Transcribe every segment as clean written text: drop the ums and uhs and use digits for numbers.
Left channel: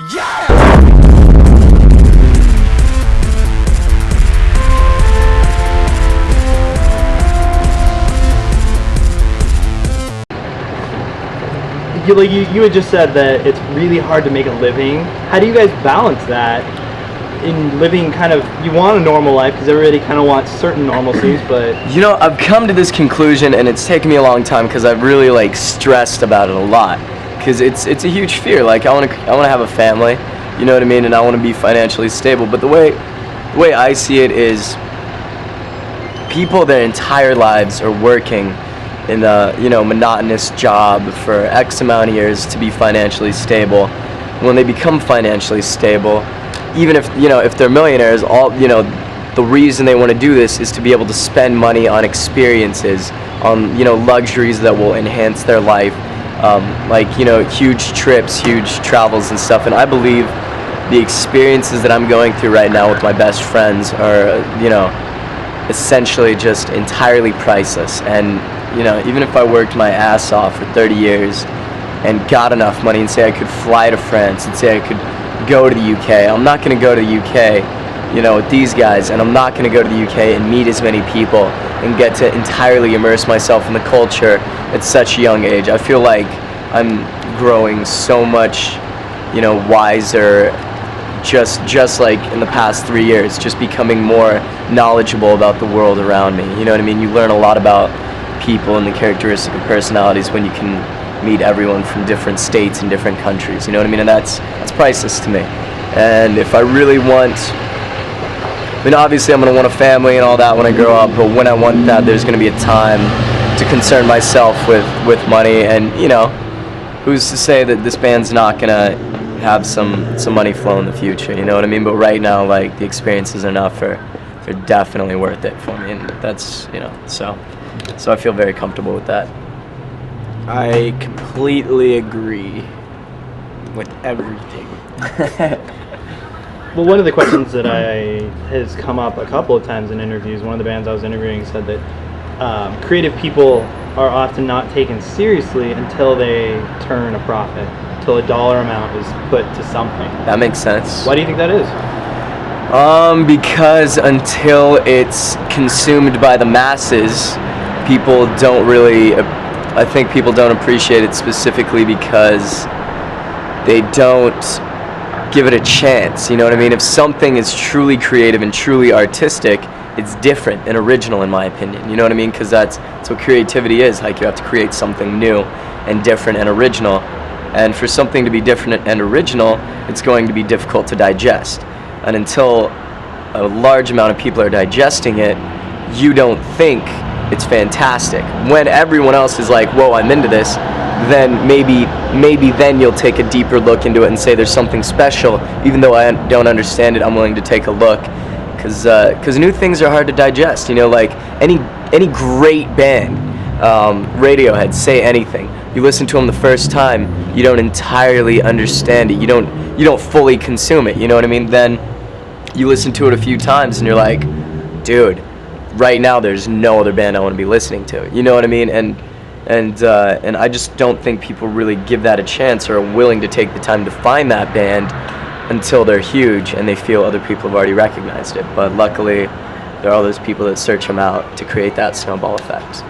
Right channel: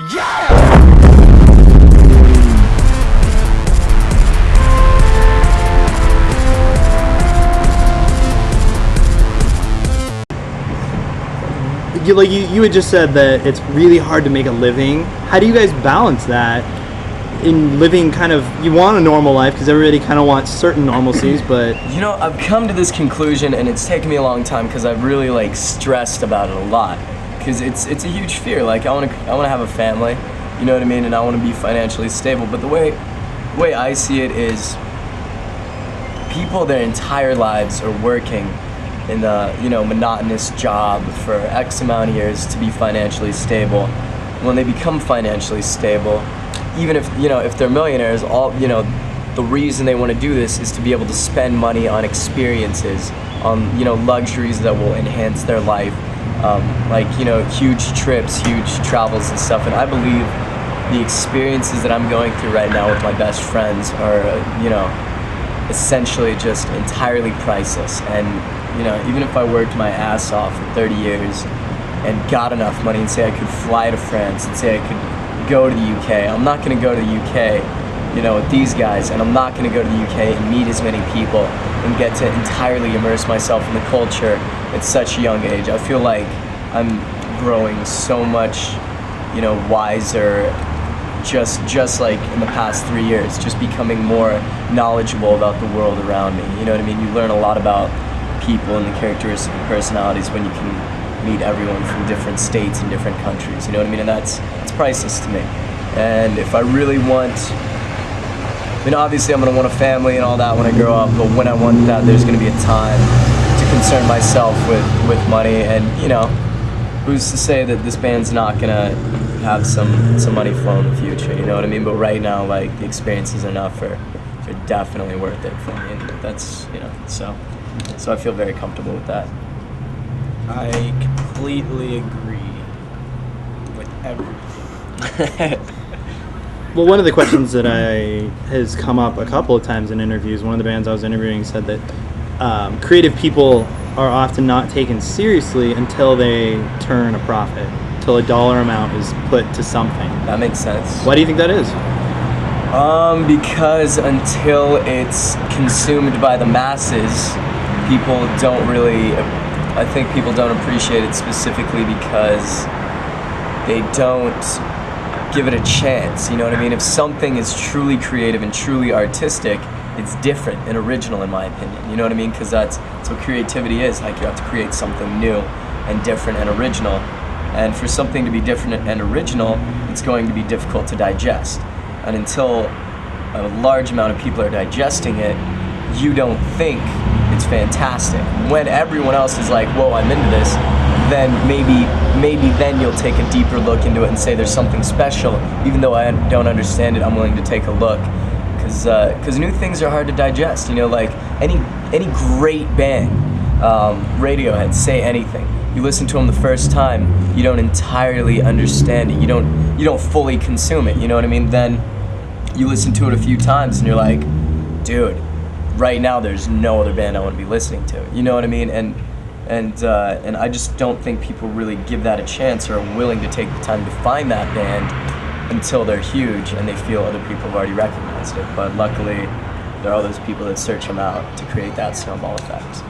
You had just said that it's really hard to make a living. How do you guys balance that in living kind of, you want a normal life because everybody kind of wants certain normalcies, but... You know, I've come to this conclusion, and it's taken me a long time because I've really like stressed about it a lot, because it's a huge fear. Like I want to have a family, you know what I mean, and I want to be financially stable. But the way I see it is, people their entire lives are working in a monotonous job for X amount of years to be financially stable. When they become financially stable, even if they're millionaires, the reason they want to do this is to be able to spend money on experiences, on luxuries that will enhance their life, like huge trips, huge travels and stuff. And I believe the experiences that I'm going through right now with my best friends are essentially just entirely priceless. And even if I worked my ass off for 30 years and got enough money and say I could fly to France and say I could go to the UK, I'm not going to go to the UK, with these guys, and I'm not going to go to the UK and meet as many people and get to entirely immerse myself in the culture at such a young age. I feel like I'm growing so much, wiser, just like in the past 3 years, just becoming more knowledgeable about the world around me. You know what I mean? You learn a lot about people and the characteristic of personalities when you can meet everyone from different states and different countries, you know what I mean? And that's priceless to me. And if I really want, obviously I'm going to want a family and all that when I grow up, but when I want that, there's going to be a time to concern myself with money. And who's to say that this band's not going to have some money flow in the future, you know what I mean? But right now, like, the experiences enough are definitely worth it for me, and that's, so I feel very comfortable with that. I completely agree with everything. Well, one of the questions that has come up a couple of times in interviews, one of the bands I was interviewing said that creative people are often not taken seriously until they turn a profit, until a dollar amount is put to something. That makes sense. Why do you think that is? Because until it's consumed by the masses, people don't really, I think people don't appreciate it specifically because they don't give it a chance, you know what I mean? If something is truly creative and truly artistic, it's different and original in my opinion, you know what I mean? Because that's what creativity is, like you have to create something new and different and original. And for something to be different and original, it's going to be difficult to digest. And until a large amount of people are digesting it, you don't think it's fantastic. When everyone else is like, whoa, I'm into this, then maybe then you'll take a deeper look into it and say there's something special. Even though I don't understand it, I'm willing to take a look. Because new things are hard to digest. Like any great band, Radiohead, Say Anything. You listen to them the first time, you don't entirely understand it. You don't fully consume it. You know what I mean? Then you listen to it a few times and you're like, dude, right now there's no other band I want to be listening to. You know what I mean? And I just don't think people really give that a chance or are willing to take the time to find that band until they're huge and they feel other people have already recognized it. But luckily, there are all those people that search them out to create that snowball effect.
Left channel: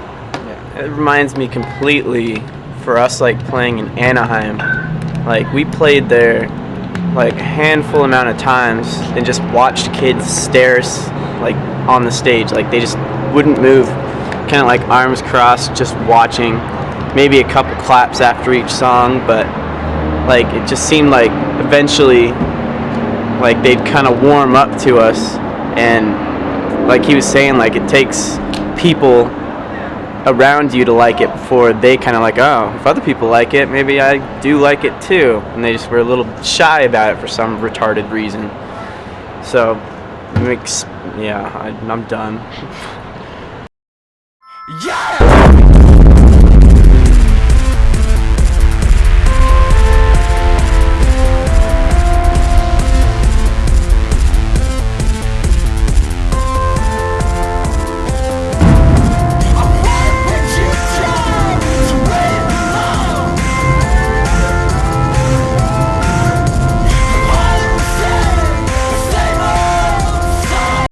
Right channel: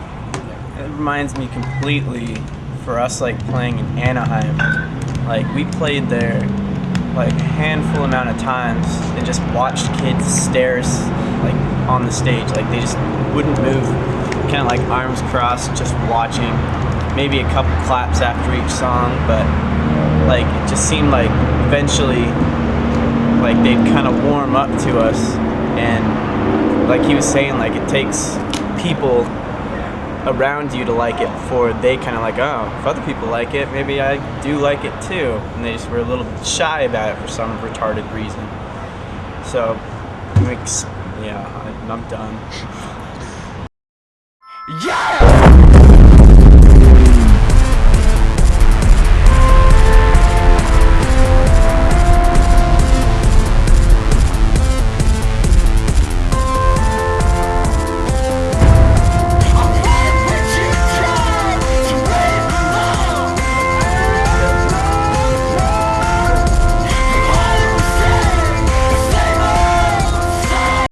It reminds me completely, for us, like playing in Anaheim, like we played there like a handful amount of times and just watched kids stare like on the stage, like they just wouldn't move, kind of like arms crossed, just watching, maybe a couple claps after each song, but like it just seemed like eventually like they'd kind of warm up to us. And like he was saying, like it takes people around you to like it before they kind of like, oh, if other people like it, maybe I do like it too. And they just were a little shy about it for some retarded reason. So it makes, yeah, I'm done. Yeah!